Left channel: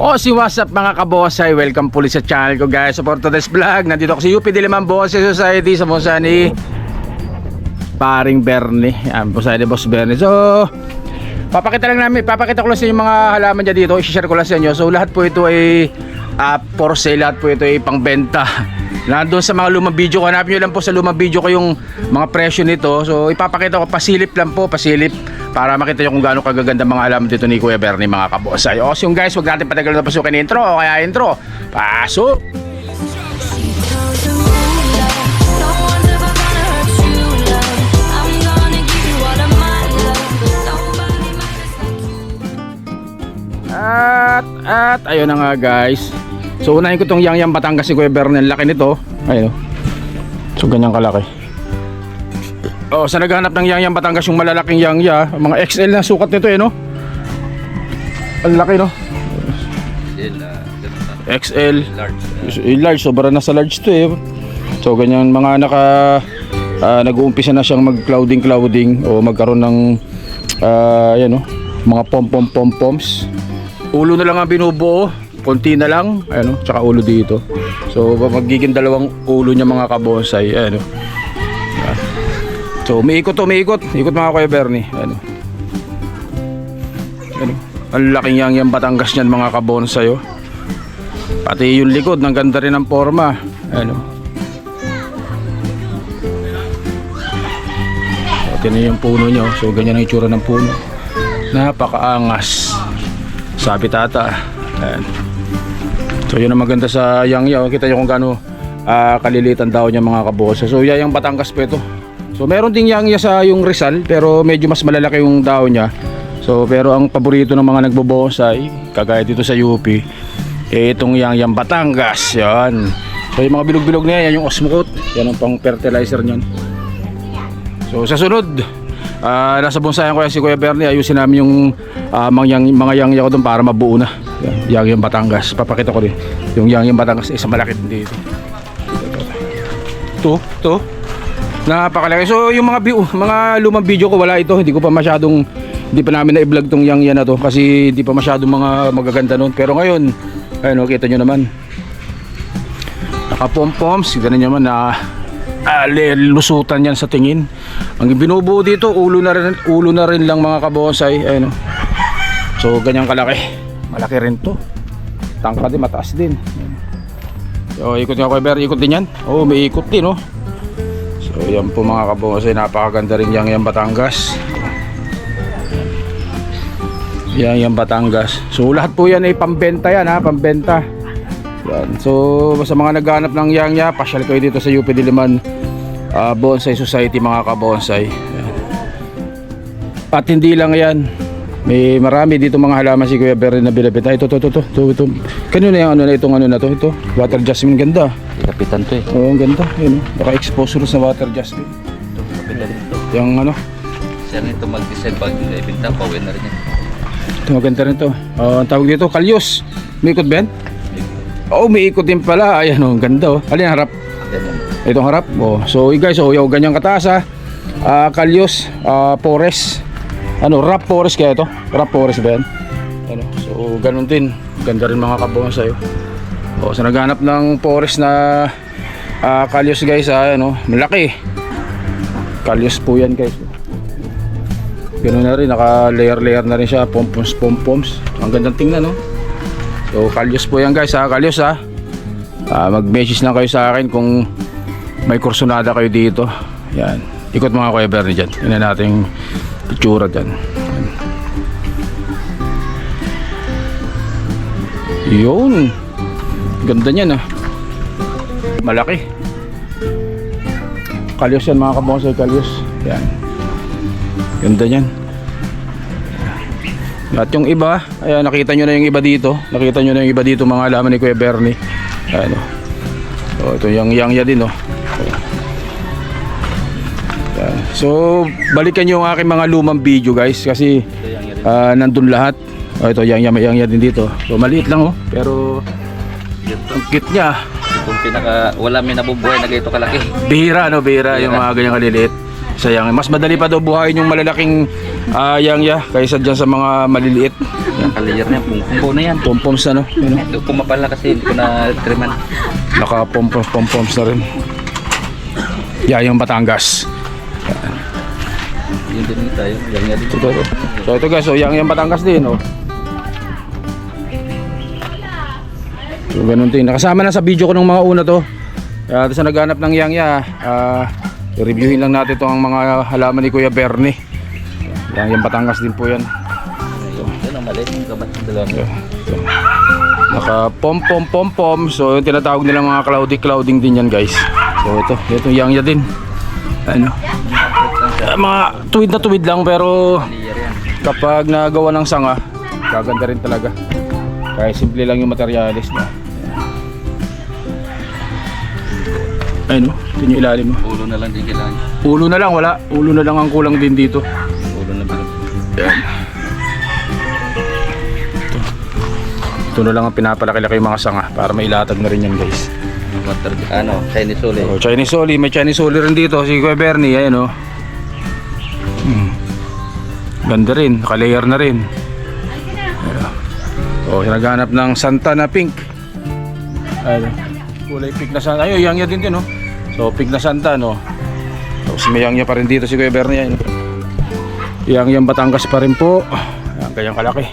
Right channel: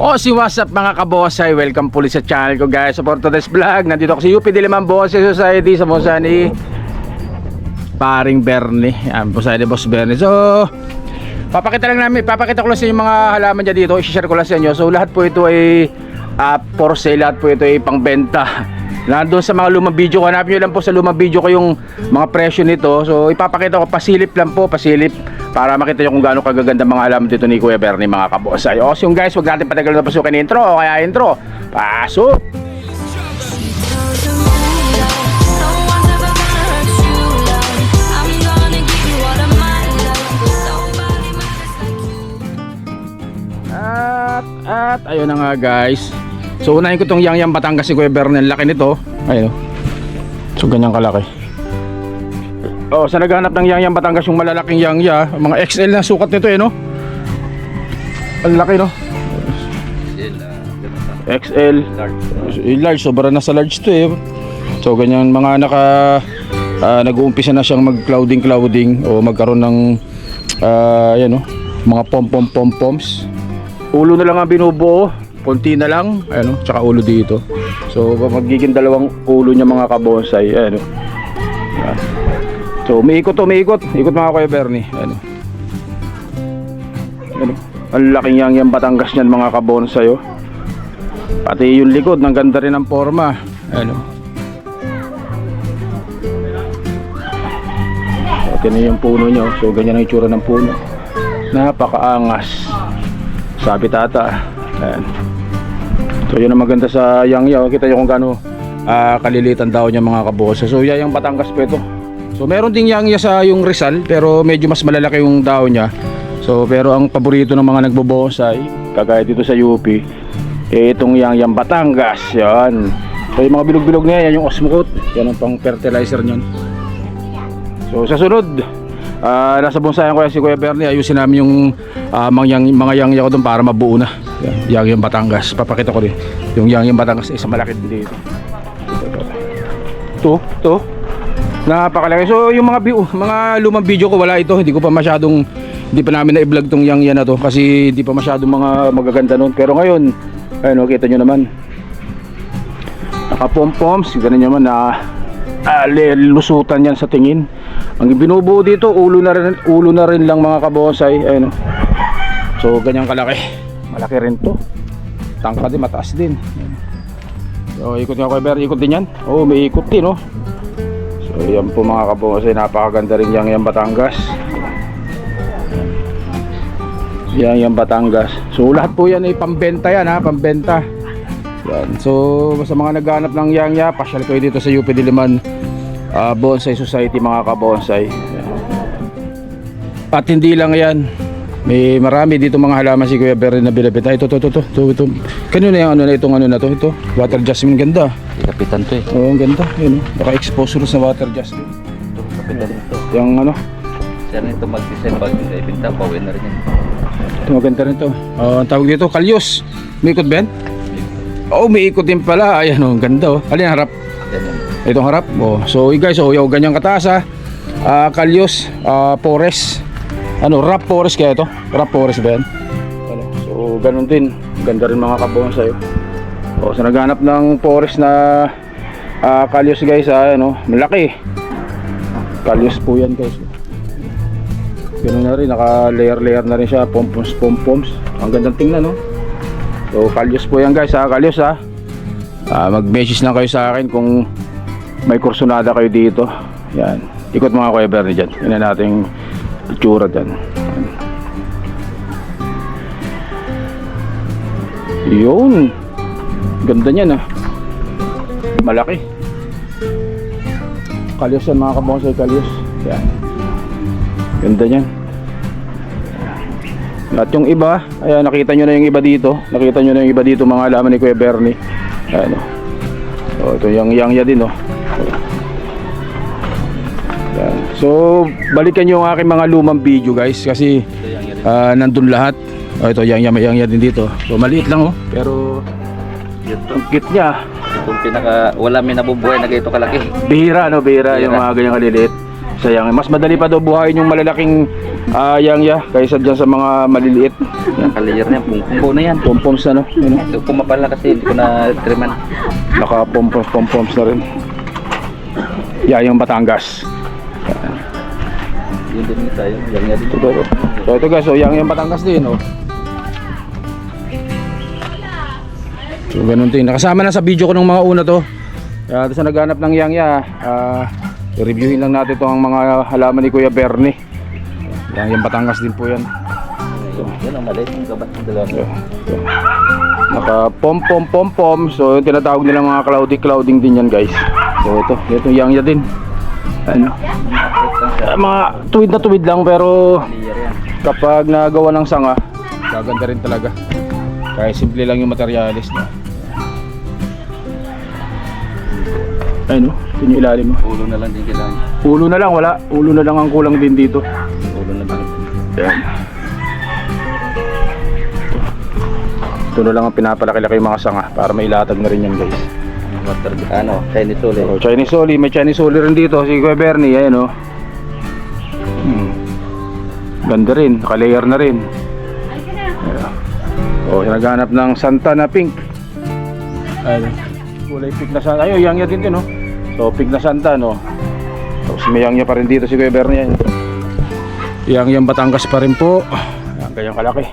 O si what's up mga kabosay, welcome po sa channel ko guys. So for today's vlog, nandito ako sa UP Diliman Bonsai Society sa Musa ni paring Bernie. Yan po sa Boss Bernie. So papakita ko lang sa inyo mga halaman dyan dito. I-share ko lang sa inyo. So lahat po ito ay for sale, lahat po ito ay pangbenta. Nandun sa mga lumang video ko, hanapin nyo lang po sa lumang video ko yung mga presyo nito. So ipapakita ko, pasilip lang po, pasilip, para makita nyo kung gaano kagaganda mga halaman dito ni Kuya Bernie mga kabosay. O so yung guys, huwag natin patagal na pasukin intro. O kaya intro, pasok! At ayun na nga guys. So unahin ko tong Yang Batangas si Kuya Bernie. Laki nito. Ayun. So ganyan kalaki. Oh, sa naghanap ng Yang Batangas yung malalaking Yang, mga XL na sukat nito no. Ang laki no. XL, large, sobra na sa large to So ganyan mga nag-uumpisa na siyang mag-clouding o magkaroon ng yan mga pom-poms. Ulo na lang ang binubuo, konti na lang, tsaka ulo dito. So magiging dalawang ulo niya mga kabonsay, So umiikot mga Kuya Bernie, ang laking Yang Batangas niyan mga kabonsay, Pati yung likod, ng ganda rin ang forma, Ito na yung puno niya, so ganyan ang itsura ng puno. Napakaangas. Sabi tata. Ayan. So yun ang maganda sa Yang. Kita nyo kung gaano kalilitan daw niya mga kabosa. So Yang Batangas po ito. So meron ding Yang sa yung Rizal, pero medyo mas malalaki yung daw niya. So pero ang paborito ng mga nagbobonsai, kagaya dito sa UP, itong Yang Batangas. Yan. So yung mga bilog-bilog na yan, yung Osmocote, yan ang pang fertilizer niyan. So sa sunod, nasa bonsayan ko si Kuya Bernie, ayusin namin yung mga Yang ko doon para mabuo na. Yang Batangas, papakita ko din yung Yang Batangas, isa malaki din dito. Ito napakalaki. So yung mga lumang video ko, wala ito, hindi pa namin na-vlog tong Yang na to kasi hindi pa masyadong mga magaganda noon. Pero ngayon, ayun, kita nyo naman, naka-pom-poms, ganun naman na lusutan yan sa tingin. Ang binubuo dito, ulo na rin lang mga kabonsay. Ayun. So ganyan kalaki. Malaki rin to. Tangka din, mataas din. So ikot nga Kuya Bernie, ikot din yan. Oh, may ikot din So yan po mga kabonsay, napakaganda rin Yang Batangas. Yang Batangas. So lahat po yan ay pambenta yan, pambenta. Yan. So sa mga naghahanap ng Yang, pasyal kayo dito sa UP Diliman Bonsai Society mga kabonsay. At hindi lang yan, may marami dito mga halaman si Kuya Bernie na binibenta. Ito. Kanino na yung itong na to? Ito, water jasmine, ganda. Kapitan to Oo, ang ganda. Yun, naka-expose sa water jasmine. Ito, kapitan to. Yung Siya nito mag-design pag ibenta, pawin na rin yan. Ito maganda rin to. Ang tawag dito, kalyos. May ikot ba yan? Oo, may ikot din pala. Ayan ang ganda Alin harap? Ganyan. Itong harap. So guys, yung ganyang kataas kalyos, forest. Wrap forest kaya ito? Wrap forest ba yan? So ganun din. Ganda rin mga kabonsay. So naghanap ng forest na kalyos guys, malaki. Kalyos po yan guys. Ganun na rin, naka-layer na rin siya, pompoms. Ang gandang tingnan, So, kalyos po yan guys, kalyos mag-message lang kayo sa akin kung may kursunada kayo dito. Yan. Ikot mga Kuya Bernie dyan. Yan na nating itsura dyan. Yun. Ganda niyan Malaki. Kalyos yan mga kabonsay, kalyos. Yan. Ganda niyan. At yung iba, ayan, nakita nyo na yung iba dito. Mga halaman ni Kuya Bernie. Ayan ito yung Yang din Ayan. So balikan nyo yung aking mga lumang video guys, kasi nandun lahat. Ito Yang din dito. So maliit lang pero ang cute niya. Itong wala may nabubuhay na ganito kalaki. Bihira yung mga ganyang kaliliit. Sayang, mas madali pa daw buhayin yung malalaking yang kaysa dyan sa mga maliliit. Nakalayer na yan. Pungpungpo na yan. Pompoms na, no? Yun, no? Ito kumapal na kasi hindi ko na triman. Naka-pompoms na rin. Yung Batangas. Yun din tayo. Yan nga din. So ito guys, so yung Batangas din, oh. So ganun din. Nakasama na sa video ko ng mga una to. Kaya sa naghanap ng i-reviewin lang natin itong mga halaman ni Kuya Bernie. Yung Batangas din po yan. Yan ang maliit. Yung kabat ng dalawa. Naka pom. So yung tinatawag nila mga clouding din yan guys. So ito yang din. Ano? Mga tuwid na tuwid lang pero Layer yan. kapag nagawa ng sanga, gaganda rin talaga. Kaya simple lang yung materialis na. Ayun, no? Ito yung ilalim mo. Ulo na lang din kailangan. Ulo na lang, wala. Ulo na lang ang kulang din dito. Ulo na lang. Yan. Ito na lang ang pinapalaki-laki yung mga sanga para mailatag na rin yan guys. Chinese Sole. So, Chinese Soli, may Chinese Soli rin dito si Kuya Bernie, ayan, oh. Ganda rin, naka-layer na rin. Oh, naghanap ng Santa na pink. Ayun, kulay pink na Santa. Ayun, yang din no. So pink na Santa, no. Tapos may yang pa rin dito si Kuya Bernie, ayun. Yang Batangas pa rin po. Ayan, kanyang kalaki.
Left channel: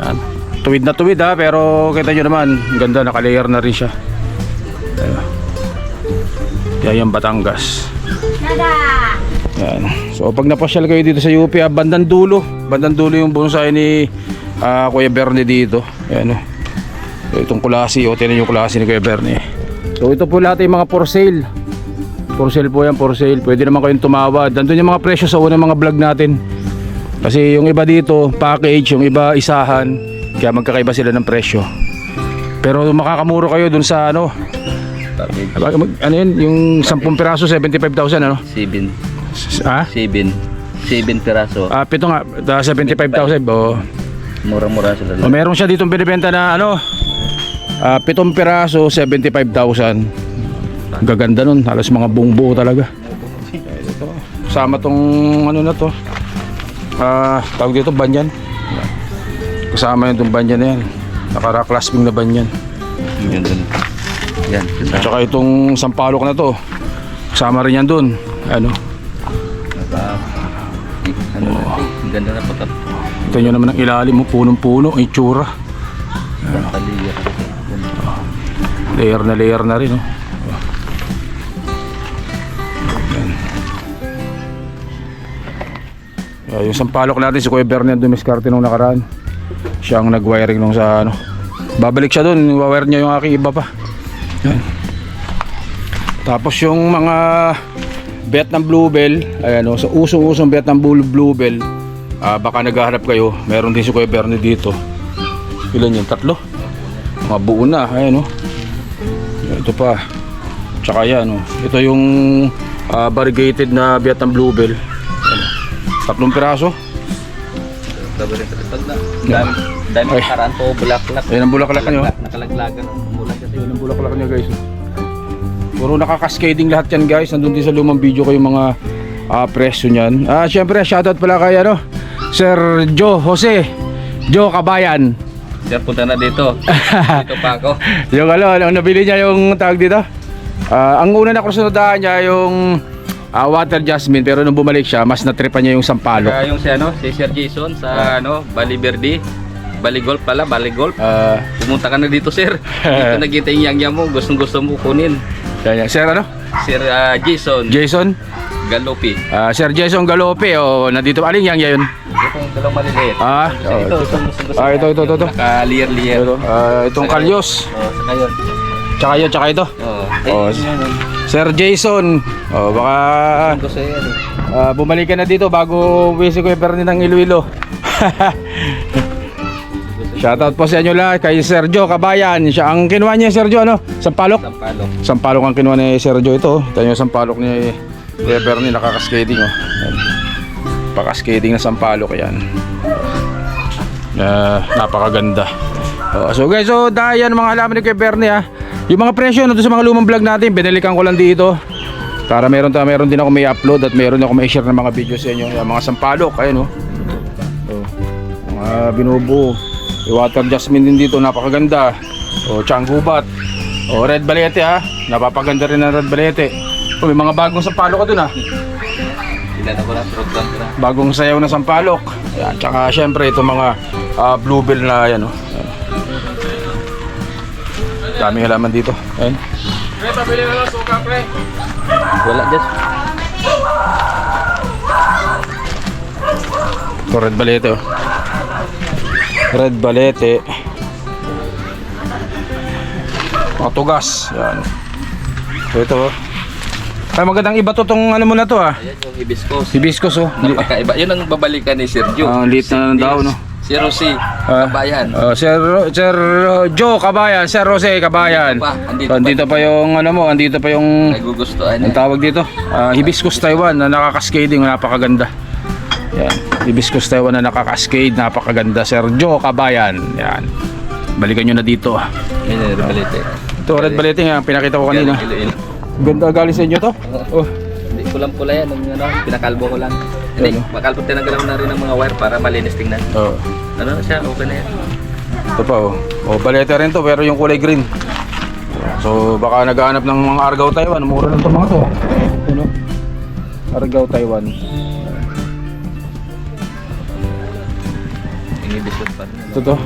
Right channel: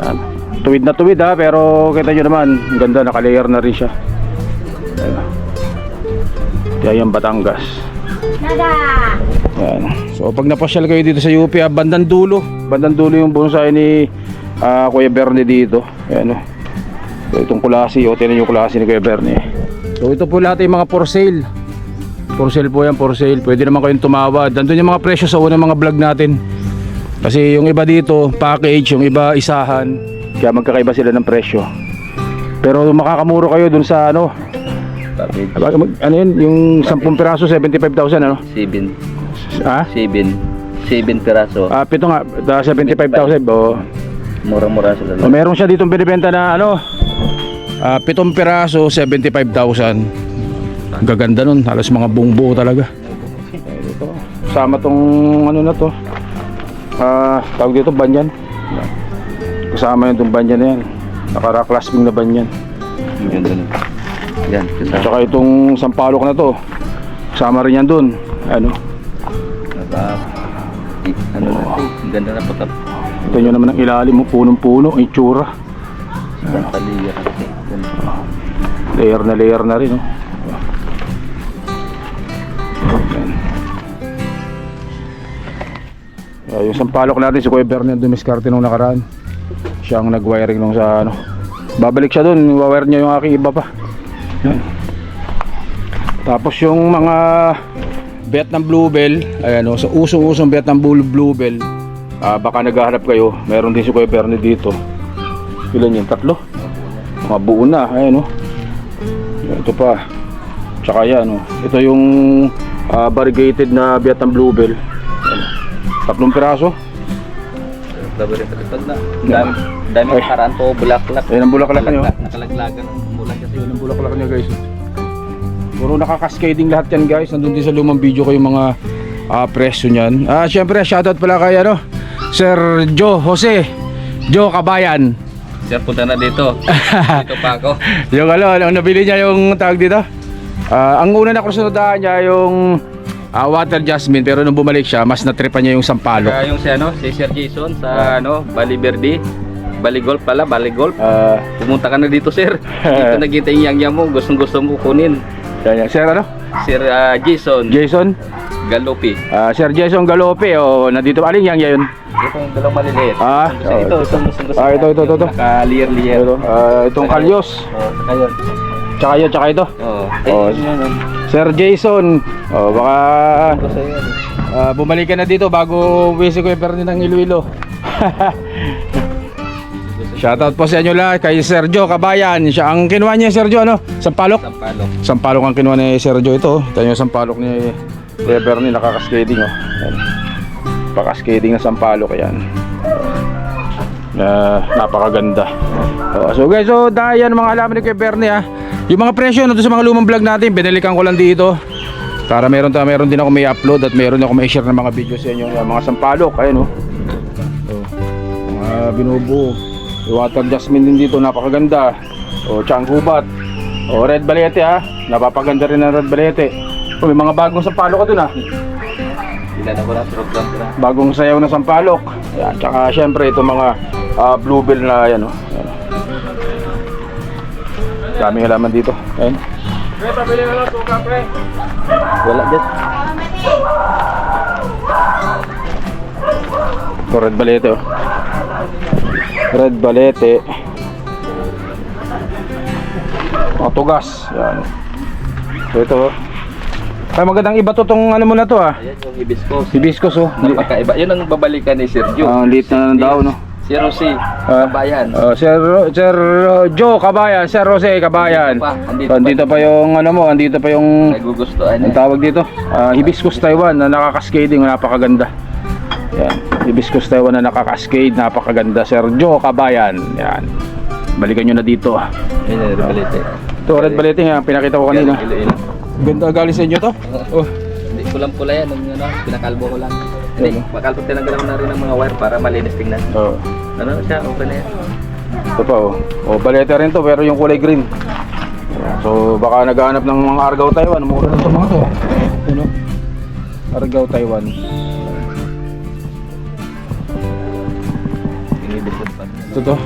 Ayan. Tuwid na tuwid ha, pero kita nyo naman, ganda, naka-layer na rin siya. Yang Batangas. Yan. So pag napasyal kayo dito sa UP, bandang dulo yung bonsai ni Kuya Bernie dito. Ayan, so itong kulasi, tinan yung kulasi ni Kuya Bernie. So ito po lahat yung mga for sale. For sale po yan, for sale. Pwede naman kayong tumawad. Nandun yung mga presyo sa unang mga vlog natin. Kasi yung iba dito, package, yung iba isahan. Kaya magkakaiba sila ng presyo. Pero makakamuro kayo dun sa ano yun, yung 10 piraso 75,000 ano? 7 piraso. Pito nga, 75,000. Mura-mura sila. Meron siya ditong binibenta na 7 piraso 75,000. Gaganda nun, halos mga buong-buo talaga. Sama tong na to. Tawag dito banyan. Kasama yung itong banyan na yan. Naka-clasping na banyan. Yan, tsaka itong sampalok na to, kasama rin yan dun. Ano ganda na po. Ito nyo naman ang ilalim mo, punong-puno, ang itsura. Layer na rin, yung sampalok natin si Kuya Bernie dumiskarte nung nakaraan. Siya ang nag-wiring nung sa babalik siya dun, wire niya yung aking iba pa. Yan. Tapos yung mga Vietnam Bluebell, ayan sa usong-usong Vietnam Bluebell, baka naghahanap kayo, meron din si Kuya Bernie dito. Ilan yun? 3? Mga buo na, ayan ito pa. Tsaka yan ito yung variegated na Vietnam Bluebell. 3 piraso. Dami karaan po, bulaklak. Ayan ang bulaklak nyo. Nakalaglagan ang bulan kasi. Ayan ang bulaklak nyo guys. Puro nakaka-cascading lahat yan guys. Nandun din sa lumang video ko yung mga presyo nyan. Siyempre shoutout pala kay Sir Joe Kabayan. Sir, punta na dito. Dito pa ako. Yung nabili niya yung tawag dito. Ang una na krusunodaan niya yung water jasmine, pero nung bumalik siya, mas natripan niya yung sampalok. Yung si Sir Jason sa Bali Verde. Bali Golf pala, Bali Golf. Pumunta ka na dito, sir. Dito nakita yung yang mo, gustong-gusto mo kunin. Sir Sir Jason Galopi. Sir Jason Galopi, nandito aling yang yun. Itong dalawang maliliit. Ito. Naka-layer. Itong kalyos. Tsaka ito. Sir Jason, baka bumalik ka na dito bago si Kuya Bernie ng Iloilo. Shoutout po sa inyo lahat kay Sergio Kabayan. Siya ang kinuha niya, Sergio, Sampalok? Sampalok ang kinuha ni Sergio ito. Ito yung sampalok ni Kuya Bernie, nakaka-skating, Paka-skating na sampalok yan. Napakaganda. So guys, dahil yan mga halaman ni Kuya Bernie, yung mga presyo na sa mga lumang vlog natin, binalikan ko lang dito. Para meron din ako may upload at meron ako may share ng mga videos sa inyo. Yung mga sampalok, ayun oh. Mga binubuo. Yung water jasmine din dito, napakaganda. Tianggubat. Red balete ha. Napapaganda rin ang red balete. May mga bagong sampalok ka dun ha. Ilan ako na program ko na. Bagong sayaw na sampalok. Yan, tsaka syempre itong mga bluebell na yan oh. Daming halaman dito. Ayun. Pre, pabili na lang suka, pre. Wala dyan. Ito, red balete oh. Red balete. Mga tugas. Yan. So ito oh. Ay magandang iba to tong ano mo na to ah. Ayan yung hibiscus. Hibiscus oh. Napakaiba. Yun ang babalikan ni Sergio. Ang liit na ng daw no. Si Rosie Kabayan. Sir Joe Kabayan, Sir Jose Kabayan. Andito pa yung ano mo, andito pa yung nagugustuhan ang tawag dito. Hibiscus Taiwan na nakakascading, napakaganda. Yan. Hibiscus Taiwan na nakakascade, napakaganda. Sir Joe Kabayan. Yan. Balikan nyo na dito. Yan yung red balete. Ito red balete nga, pinakita ko kanina. Ilo-ilo. Ganda galing sa inyo to. Oh. Hindi pulang-pula yan, pinakalbo ko lang. Hindi, makalbo tinanggalan ko na rin ng mga wire para malinis tingnan. Oh. Ano siya, okay na yan. Ito pa oh. Oh, balete rin to pero yung kulay green. So baka naghahanap ng mga Argao Taiwan, mura lang to mga to. Ano? Argao Taiwan. Inibisod pa. Ito to.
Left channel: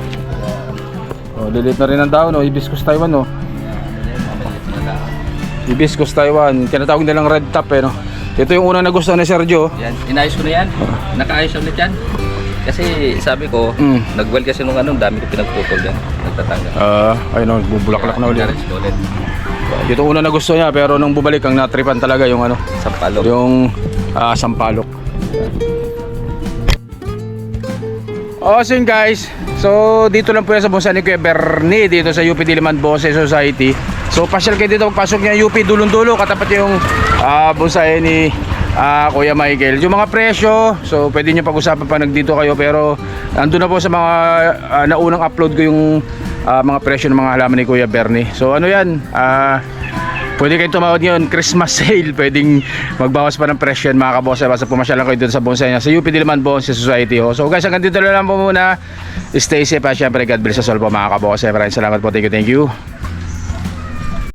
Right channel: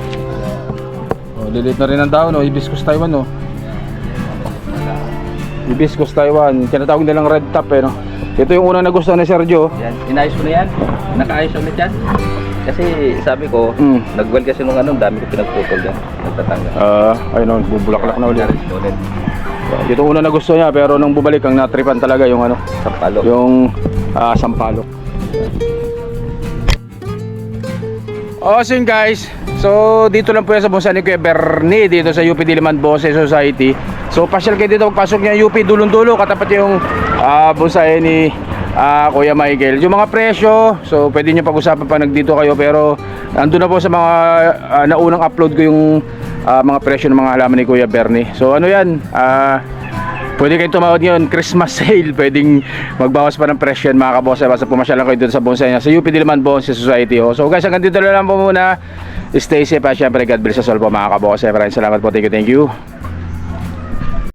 Oh, lilit na rin ang daon oh, Hibiscus Taiwan oh. Hibiscus Taiwan, tinatawag nilang red top eh no. Ito yung unang nagustuhan ni Sergio. Yan, inayos ko na yan. Nakaayos ulit yan. Kasi sabi ko, nag-well kasi nung ano, dami ko pinagputol yan. Nagtatanggal. Ayun, bubulaklak na ulit. Nag-arrange ko ulit. Ito unang nagustuhan niya pero nung bumalik ang natripan talaga yung ano, Sampalok. yung sampalok. So yun guys, so dito lang po yan sa bonsai ni Kuya Bernie dito sa UP Diliman Bonsai Society. So pasyal kayo dito, pagpasok niya UP dulong-dulo, katapat yung bonsai ni Kuya Michael. Yung mga presyo, so pwede nyo pag-usapan pa nagdito kayo, pero andun na po sa mga naunang upload ko yung mga presyo ng mga halaman ni Kuya Bernie. So ano yan, pwede kayo tumawad ngayon, Christmas sale, pwedeng magbawas pa ng presyo yan mga kabonsai. Basta pumasyalan kayo dito sa bonsai niya sa UP Diliman Bonsai Society. So guys, hanggang dito na lang po muna. Stay safe at syempre God bless us all po mga kabonsai. Maraming salamat po, thank you.